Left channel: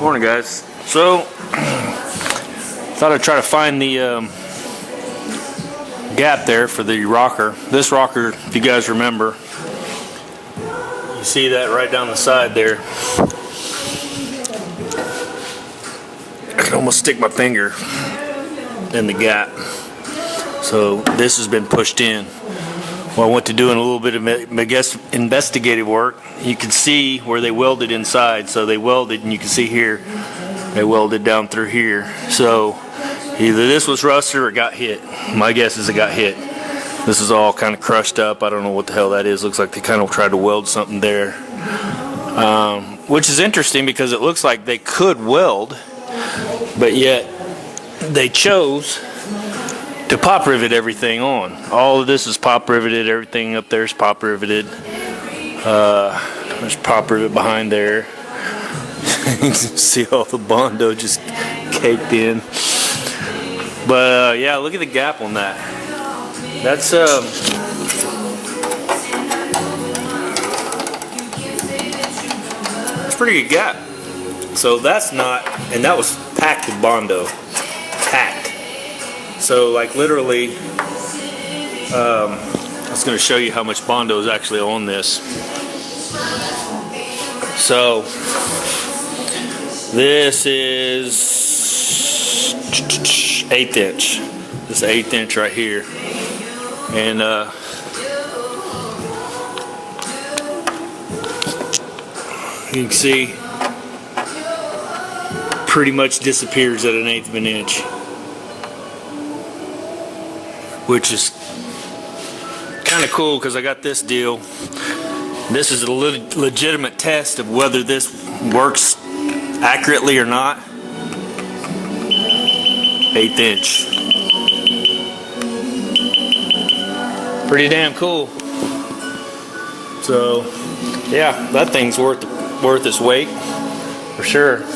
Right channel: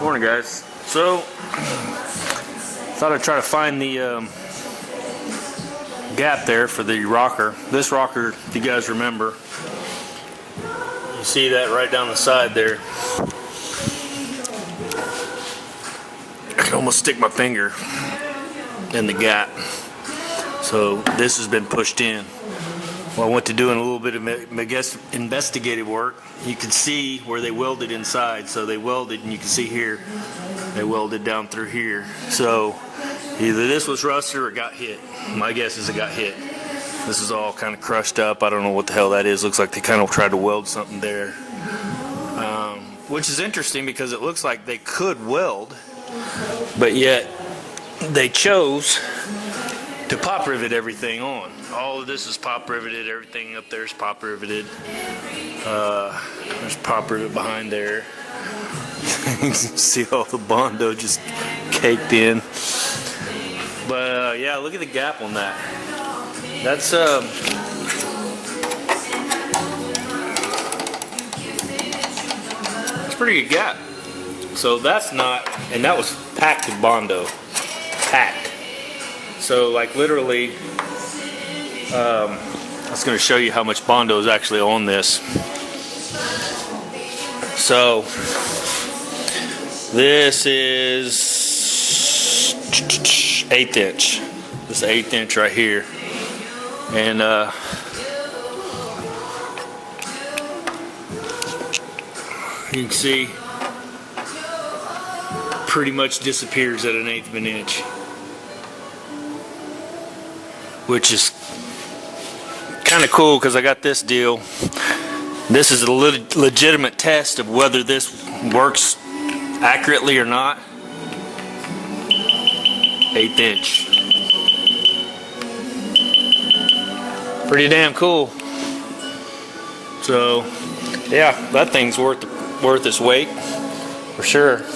Morning, guys. So, thought I'd try to find the gap there for the rocker. This rocker, if you guys remember, you see that right down the side there. I can almost stick my finger in the gap. So this has been pushed in. Well, I went to doing a little bit of investigative work. You can see where they welded inside. So they welded, and you can see here, they welded down through here. So either this was rusted or it got hit. My guess is it got hit. This is all kind of crushed up. I don't know what the hell that is. Looks like they kind of tried to weld something there. Which is interesting because it looks like they could weld, but yet they chose to pop rivet everything on. All of this is pop riveted. Everything up there is pop riveted. There's pop rivet behind there. You can see all the Bondo just caked in. But yeah, look at the gap on that. That's pretty good gap. So that's not, and that was packed with Bondo. Packed. So like literally, I was going to show you how much Bondo is actually on this. So this is 1/8 inch. This is 1/8 inch right here, and you can see pretty much disappears at 1/8 of an inch, which is kind of cool because I got this deal. This is a legitimate test of whether this works accurately or not. 1/8 inch. Pretty damn cool. So yeah, that thing's worth its weight for sure.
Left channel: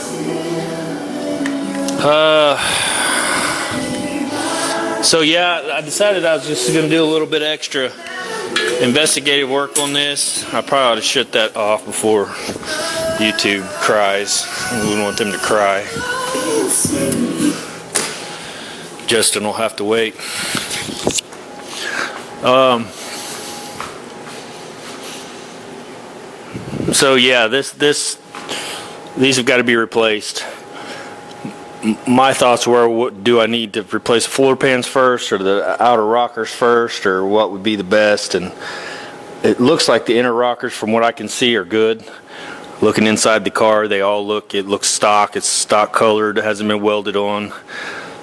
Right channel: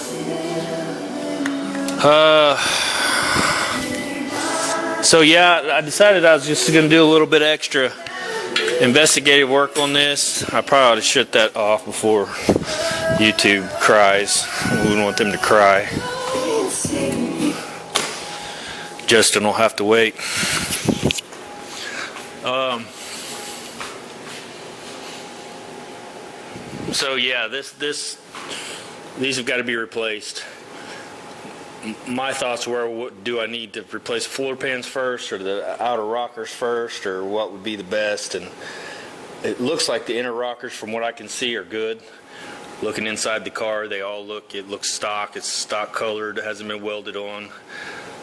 So yeah, I decided I was just going to do a little bit extra investigative work on this. I probably ought to shut that off before YouTube cries. We wouldn't want them to cry. Justin will have to wait. So yeah, these have got to be replaced. My thoughts were, what do I need to replace the floor pans first, or the outer rockers first, or what would be the best? And it looks like the inner rockers, from what I can see, are good. Looking inside the car, it looks stock. It's stock colored. It hasn't been welded on.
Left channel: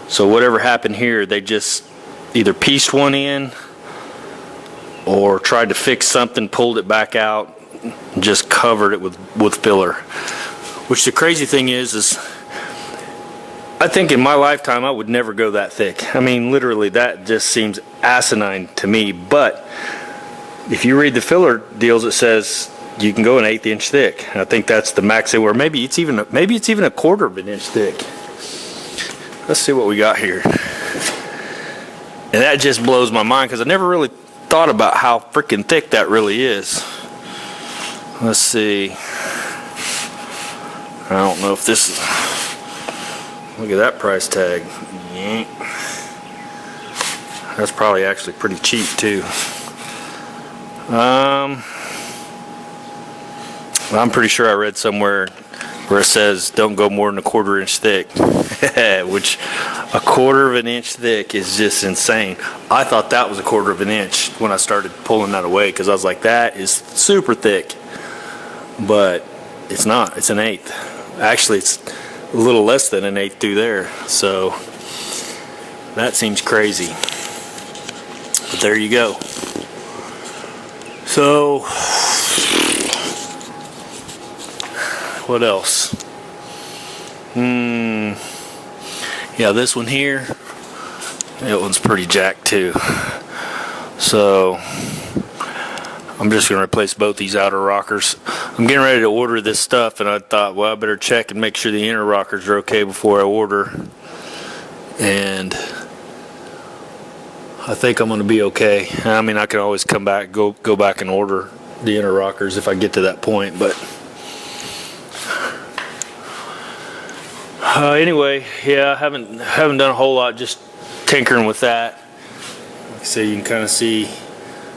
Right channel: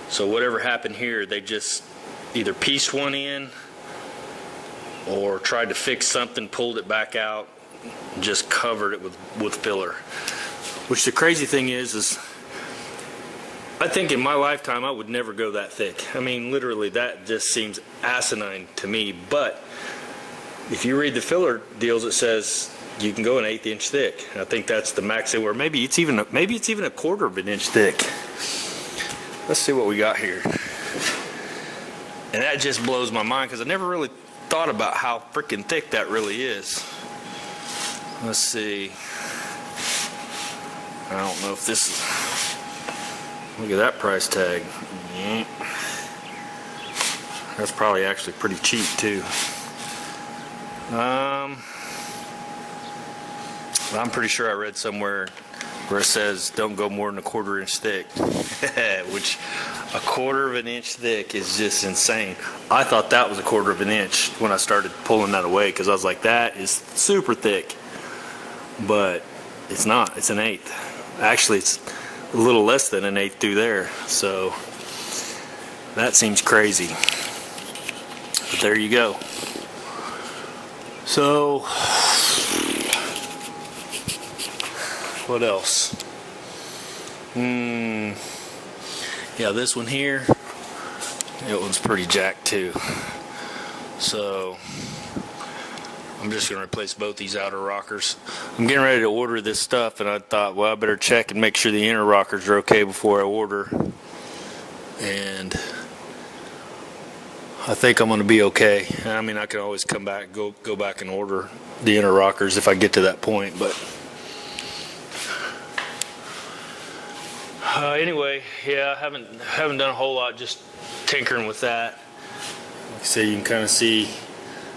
So whatever happened here, they just either pieced one in or tried to fix something, pulled it back out, and just covered it with filler. Which the crazy thing is I think in my lifetime I would never go that thick. I mean, literally, that just seems asinine to me. But if you read the filler deals, it says you can go an 1/8 inch thick. I think that's the max. Or maybe it's even a 1/4 of an inch thick. Let's see what we got here. And that just blows my mind because I never really thought about how freaking thick that really is. Let's see. I don't know if this is. Look at that price tag. That's probably actually pretty cheap too. I'm pretty sure I read somewhere where it says don't go more than 1/4 inch thick. Which 1/4 of an inch thick is just insane. I thought that was 1/4 of an inch when I started pulling that away because I was like, that is super thick. But it's not. It's 1/8. Actually, it's a little less than 1/8 through there, so that seems crazy, but there you go. So what else? Yeah, this one here, that one's pretty jacked too. So I'm just going to replace both these outer rockers. I'm getting ready to order this stuff, and I thought, well, I better check and make sure the inner rockers are okay before I order. And I think I'm going to be okay. I mean, I can always come back, go back and order the inner rockers if I get to that point, but Anyway, yeah, I haven't done a whole lot, just tinkering with that. Like I say, you can kind of see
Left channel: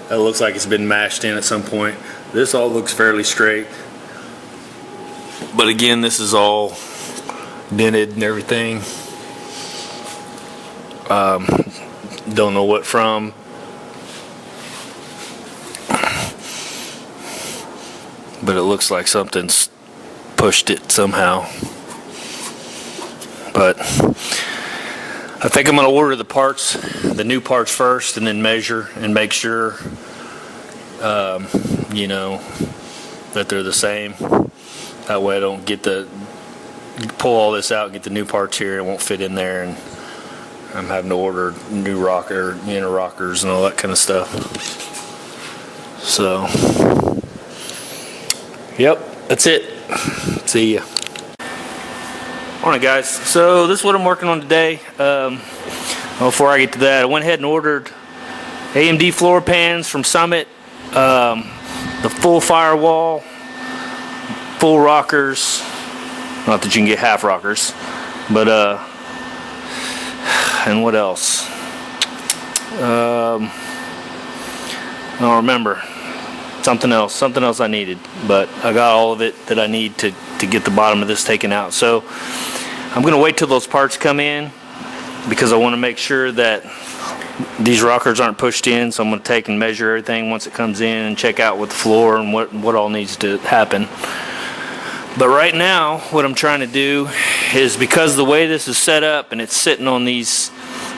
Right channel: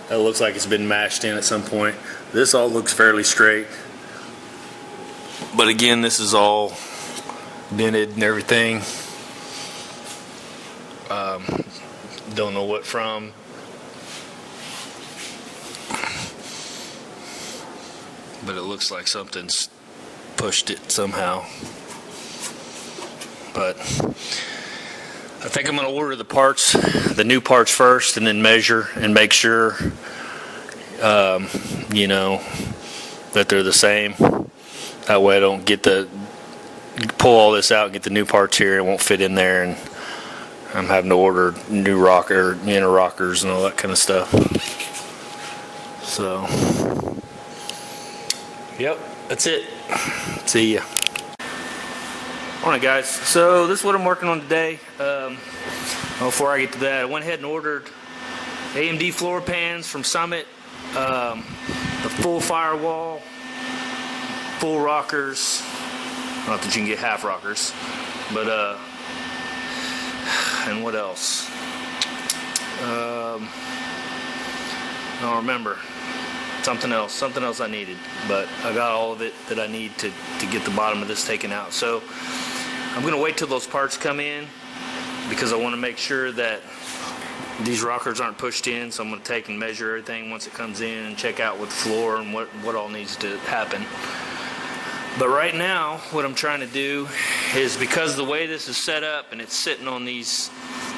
that looks like it's been mashed in at some point. This all looks fairly straight, but again, this is all dented and everything. Don't know what from. But it looks like something's pushed it somehow. But I think I'm going to order the parts, the new parts first, and then measure and make sure, you know, that they're the same. That way I don't pull all this out and get the new parts here. It won't fit in there, and I'm having to order new inner rockers and all that kind of stuff. So, yep, that's it. See ya. Alright guys, so this is what I'm working on today. Before I get to that, I went ahead and ordered AMD floor pans from Summit, the full firewall, full rockers, not that you can get half rockers, but and what else? I don't remember. Something else I needed, but I got all of it that I need to get the bottom of this taken out. So I'm going to wait till those parts come in because I want to make sure that these rockers aren't pushed in. So I'm going to take and measure everything once it comes in and check out with the floor and what all needs to happen. But right now, what I'm trying to do is, because the way this is set up and it's sitting on these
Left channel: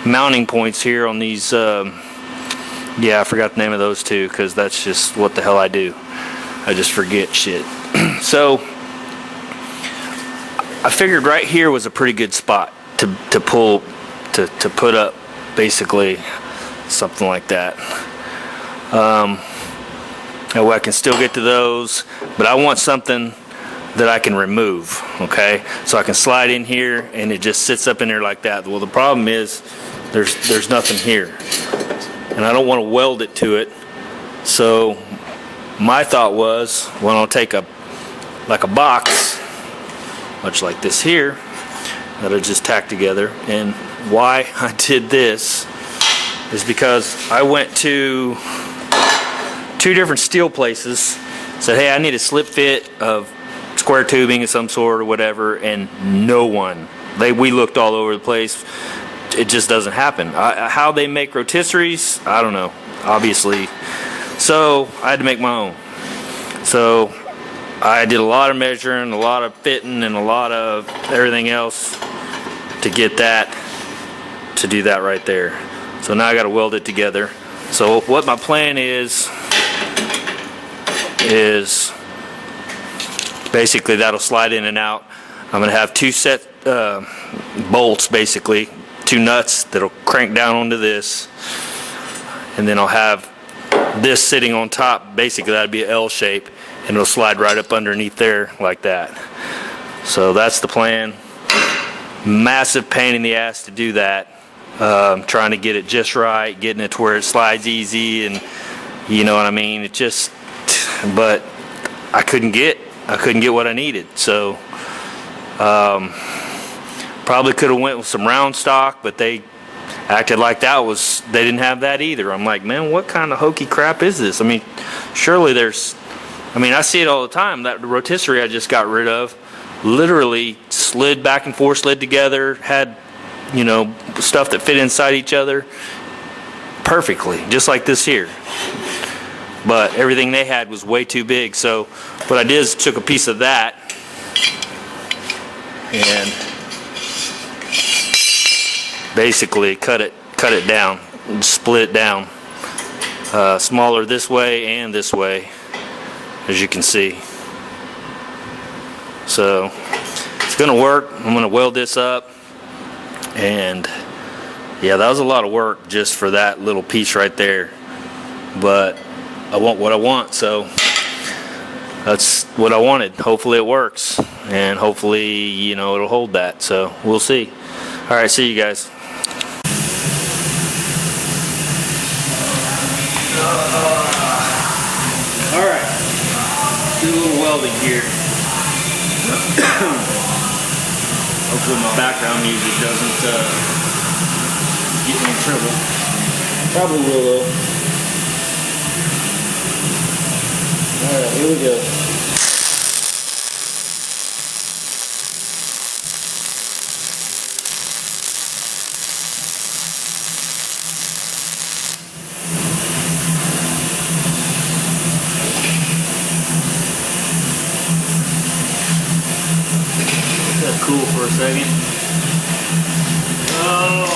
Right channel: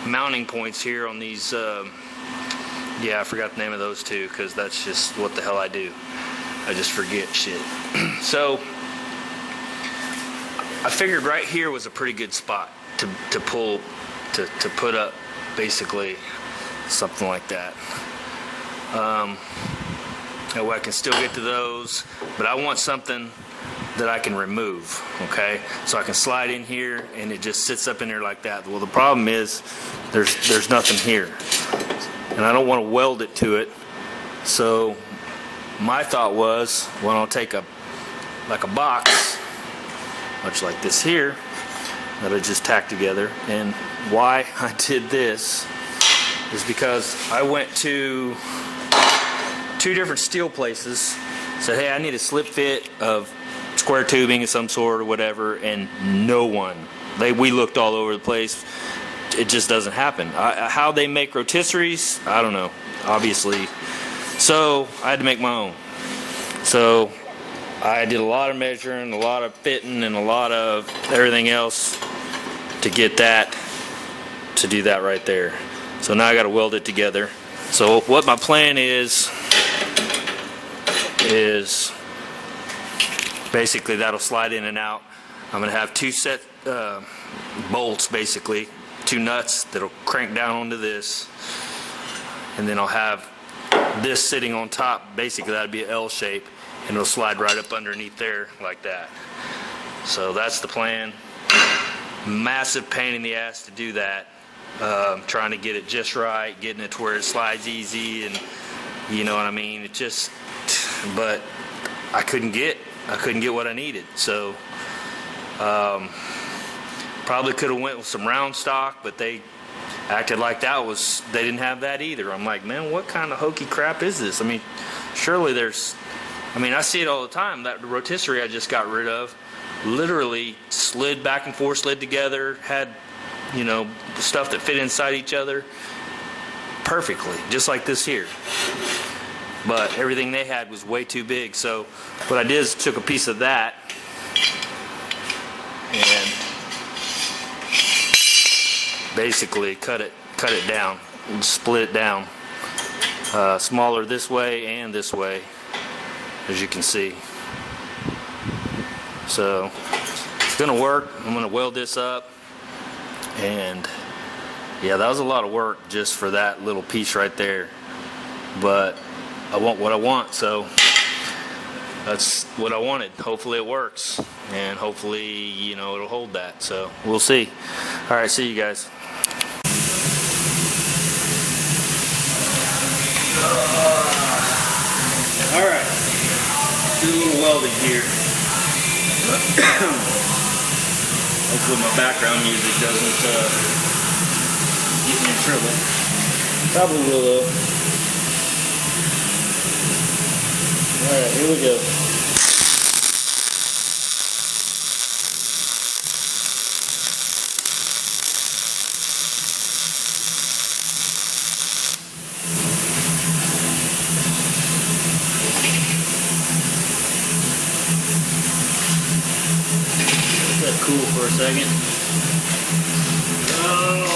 mounting points here on these, yeah, I forgot the name of those two because that's just what the hell I do. I just forget shit. So I figured right here was a pretty good spot to put up basically something like that. That way I can still get to those, but I want something that I can remove, okay? So I can slide in here and it just sits up in there like that. Well, the problem is there's nothing here, and I don't want to weld it to it. So my thought was, well, I'll take a box much like this here that I just tacked together. And why I did this is because I went to 2 different steel places, said, hey, I need a slip fit of square tubing of some sort or whatever, and no one. We looked all over the place. It just doesn't happen. How they make rotisseries, I don't know, obviously. So I had to make my own. So I did a lot of measuring, a lot of fitting, and a lot of everything else to get that, to do that right there. So now I got to weld it together. So what my plan is basically that'll slide in and out. I'm going to have 2 set bolts, basically 2 nuts that'll crank down onto this, and then I'll have this sitting on top. Basically that'd be an L shape, and it'll slide right up underneath there like that. So that's the plan. Massive pain in the ass to do that. Trying to get it just right, getting it to where it slides easy, and you know what I mean. It just, but I couldn't get what I needed. So probably could have went with some round stock, but they acted like they didn't have that either. I'm like, man, what kind of hokey crap is this? I mean, surely I see it all the time. That rotisserie I just got rid of literally slid back and forth, slid together, had, you know, stuff that fit inside each other perfectly, just like this here. But everything they had was way too big. So what I did is took a piece of that and basically cut it down and split it down, smaller this way and this way, as you can see. So it's gonna work. I'm gonna weld this up, and yeah, that was a lot of work just for that little piece right there, but I want what I want, so that's what I wanted. Hopefully it works, and hopefully, you know, it'll hold that. So we'll see. All right, see you guys. All right, do a little welding here. Hopefully my background music doesn't get me in trouble. Probably will though. Alright, here we go. Cool for a second. Oh.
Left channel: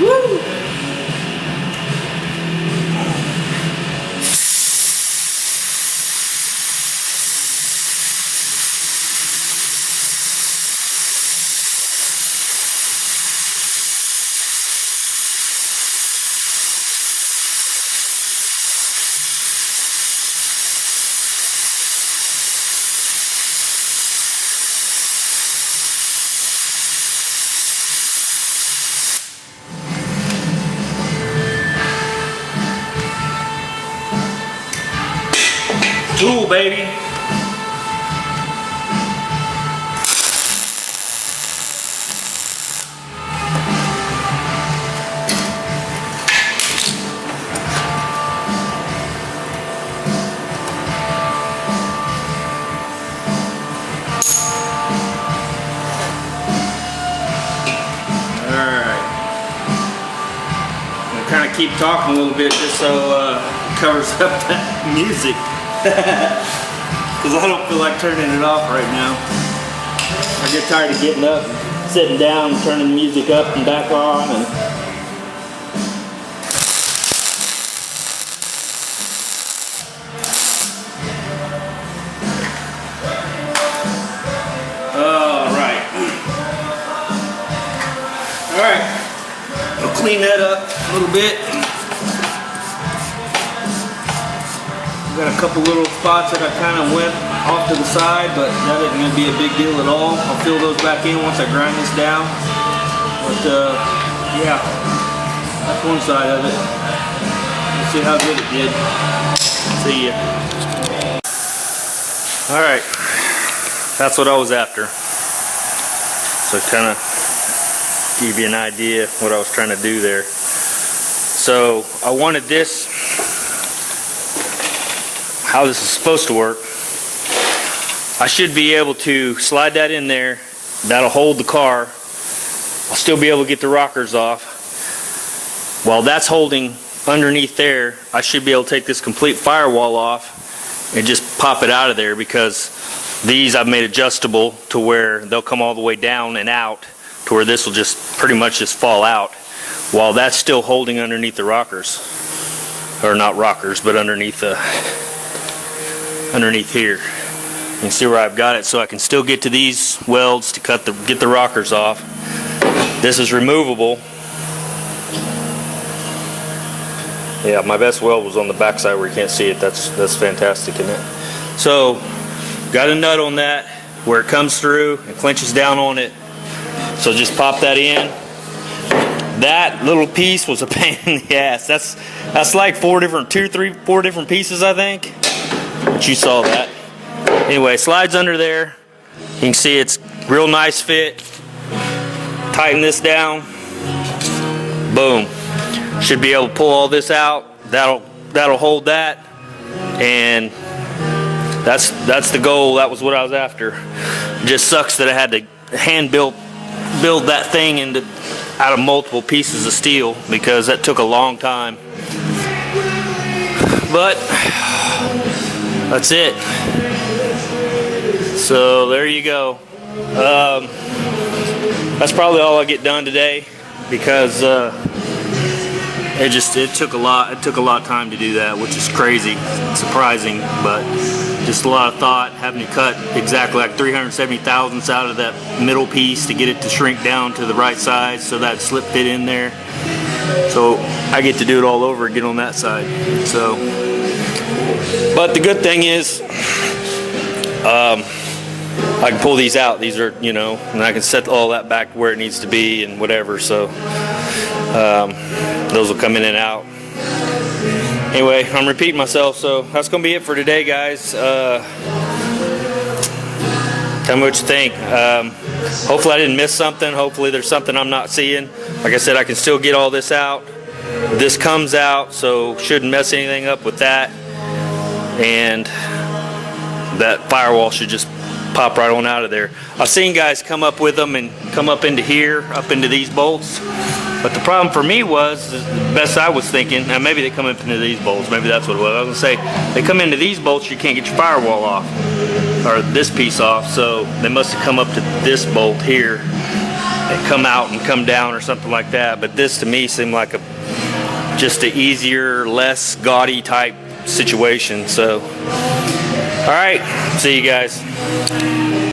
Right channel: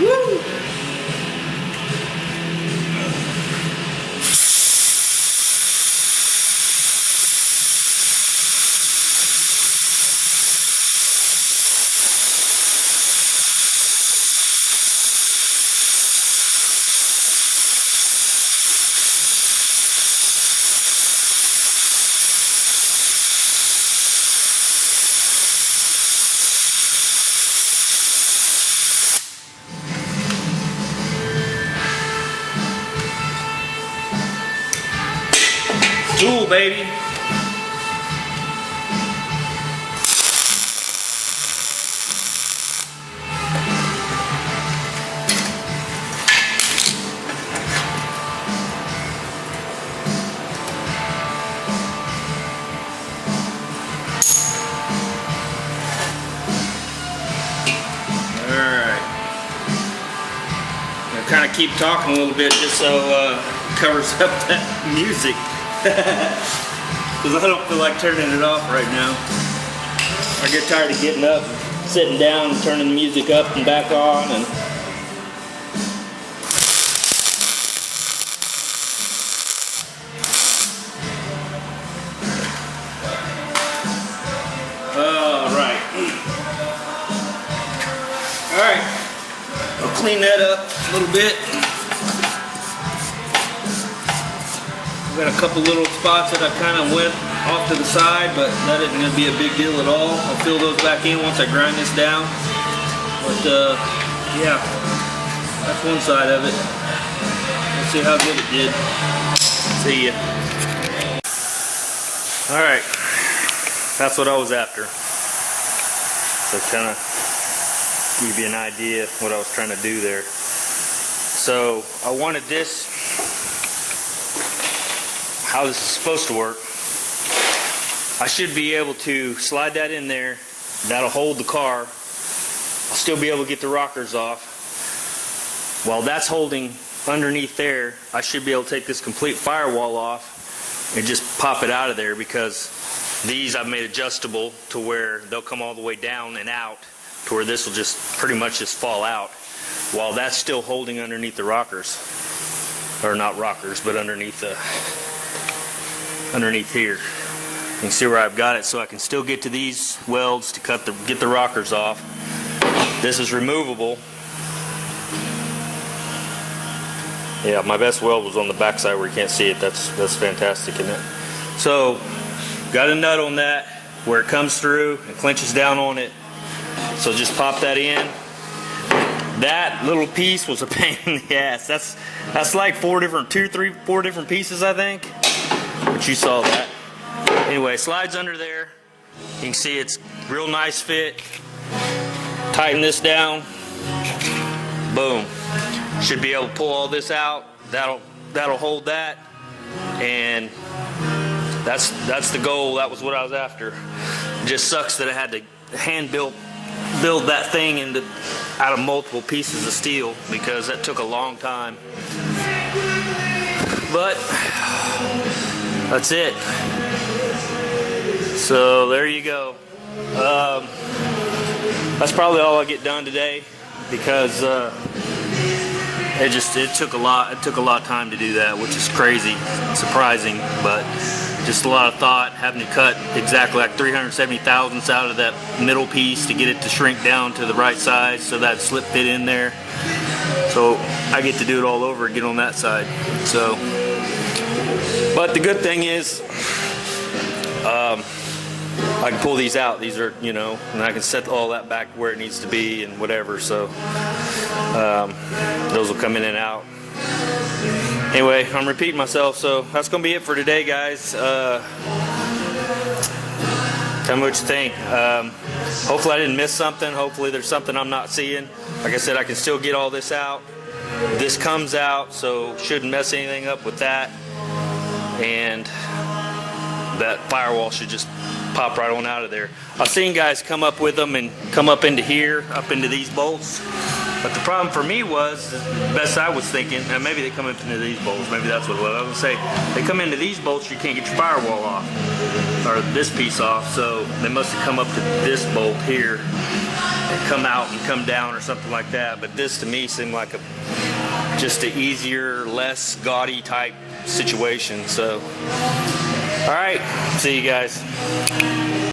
Woo! Tool, baby. Kind of keep talking a little bit just so it covers up that music. Because I don't feel like turning it off right now. I get tired of getting up, sitting down, and turning the music up and back on. And all right. I'll clean that up a little bit. Got a couple little spots that I kind of went off to the side, but that isn't going to be a big deal at all. I'll fill those back in once I grind this down. But yeah, that's one side of it. We'll see how good it did. See ya. All right, that's what I was after. So kind of give you an idea of what I was trying to do there. So I wanted this, how this is supposed to work. I should be able to slide that in there. That'll hold the car. I'll still be able to get the rockers off. While that's holding underneath there, I should be able to take this complete firewall off and just pop it out of there, because these I've made adjustable to where they'll come all the way down and out, to where this will just pretty much just fall out while that's still holding underneath the rockers. Or not rockers, but underneath here. You can see where I've got it, so I can still get to these welds to get the rockers off. This is removable. Yeah, my best weld was on the back side where you can't see it. That's fantastic, isn't it? So, got a nut on that where it comes through and clenches down on it. So just pop that in. That little piece was a pain in the ass. That's like four different pieces, I think. But you saw that. Anyway, slides under there. You can see it's real nice fit. Tighten this down. Boom. Should be able to pull all this out. That'll hold that. And that's the goal. That was what I was after. Just sucks that I had to build that thing out of multiple pieces of steel, because that took a long time. But that's it. So there you go. That's probably all I get done today, because it took a lot. It took a lot of time to do that, which is crazy, surprising, but just a lot of thought, having to cut exactly like 370 thousandths out of that middle piece to get it to shrink down to the right size so that slip fit in there. So I get to do it all over again on that side. So, but the good thing is, I can pull these out. These are, and I can set all that back where it needs to be and whatever. So those will come in and out. Anyway, I'm repeating myself, so that's going to be it for today, guys. Tell me what you think. Hopefully I didn't miss something. Hopefully there's something I'm not seeing. Like I said, I can still get all this out. This comes out, so shouldn't mess anything up with that. And that firewall should just pop right on out of there. I've seen guys come up with them and come up into here, up into these bolts. But the problem for me was, the best I was thinking, and maybe they come up into these bolts, maybe that's what it was. I was going to say, they come into these bolts, you can't get your firewall off, or this piece off, so they must have come up to this bolt here, and come out and come down or something like that. But this to me seemed like just an easier, less gaudy type situation. So, alright, see you guys.